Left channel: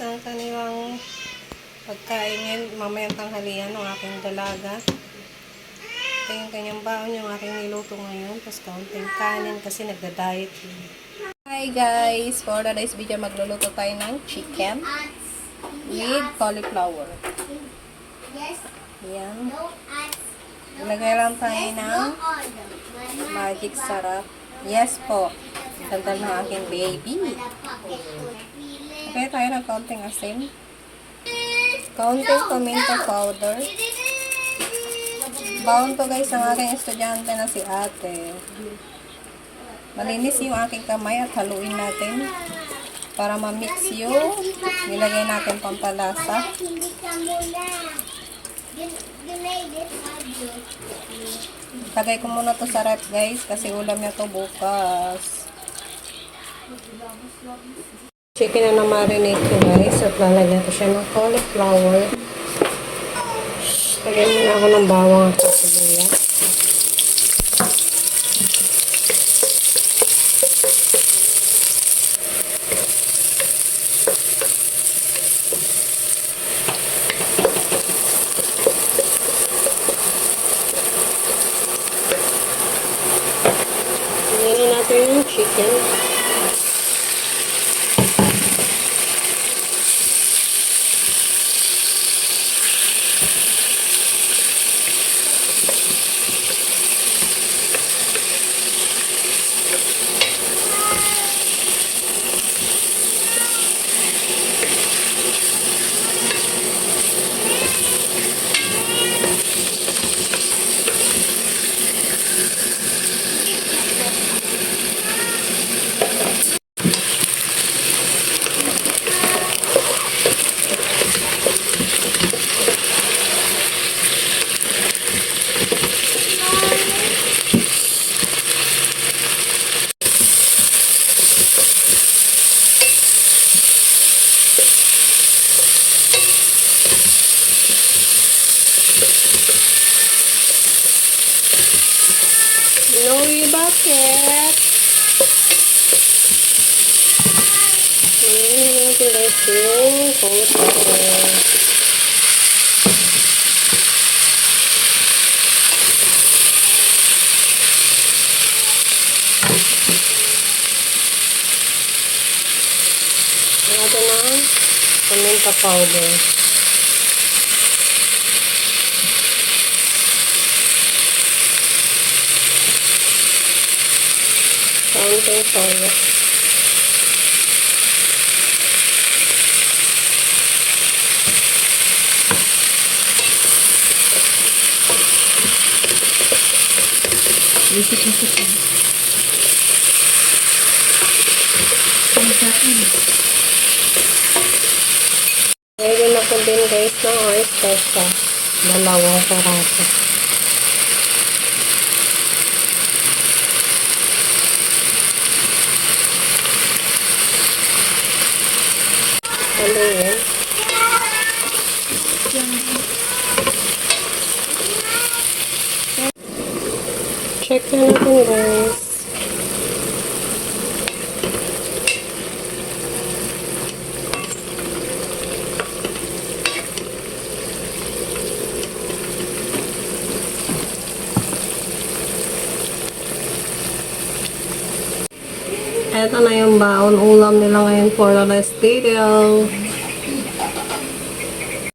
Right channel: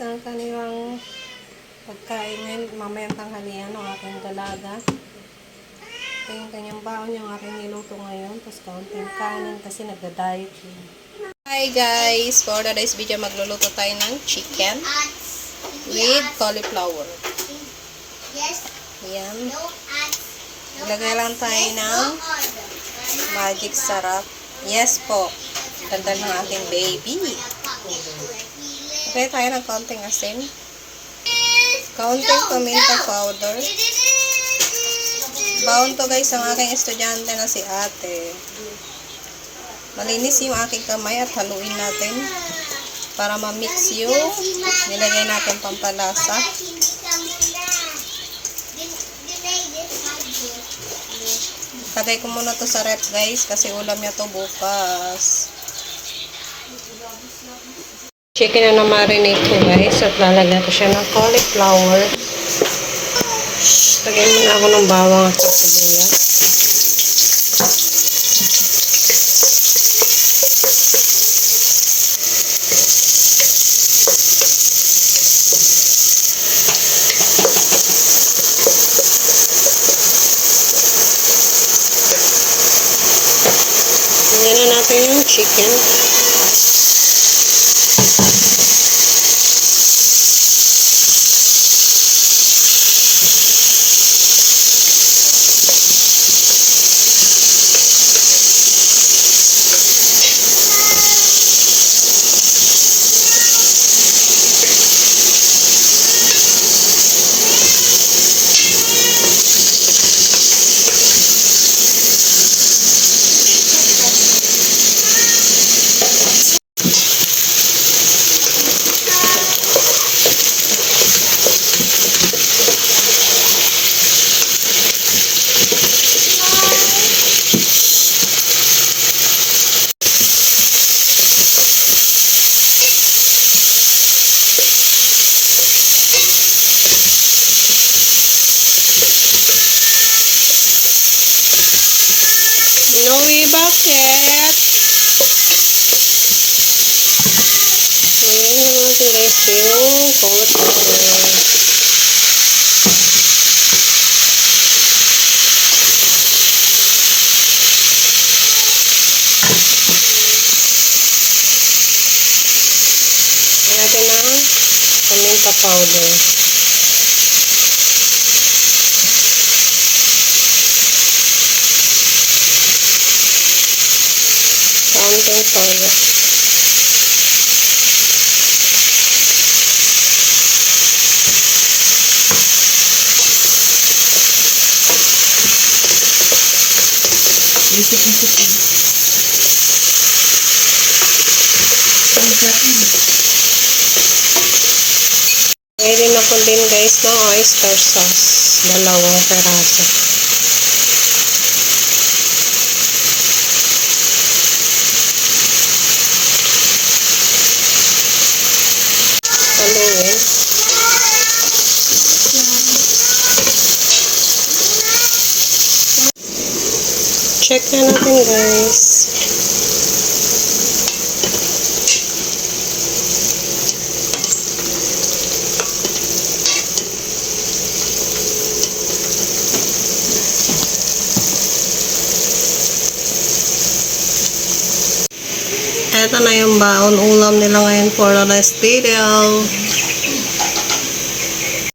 ang kanilang pagkain ngayon, mamayang tanghalian ng aking dalaga. Ito yung kanyang baon yung aking niluto ngayon. Tapos kaunting kanin kasi nagda-diet. Hi guys! For today's video, magluluto tayo ng chicken with cauliflower. Yes, Yan. Ilagay lang tayo ng magic sarap. Yes po. Ganda ng aking baby. Lagay tayo ng kaunting asin. Kaunting paminta powder. Baon to guys ang aking estudyante na si ate. Malinis yung aking kamay at haluin natin para ma-mix yung nilagay natin pampalasa. Lagay ko muna to sa rep guys kasi ulam niya to bukas. Chicken na na-marinate ko guys at lalagyan ko siya ng cauliflower. Lagyan muna ako ng bawang at sibuyas. Na natin yung chicken. Bakit? Lagyan na natin guys yung cauliflower. Lagyan natin ng paminta powder. Kaunting toyo. Ngayon ako din guys ng oyster sauce. Dalawang peraso. Haluin. Check na natin guys. Ito na yung baon ulam nila ngayon for the next video.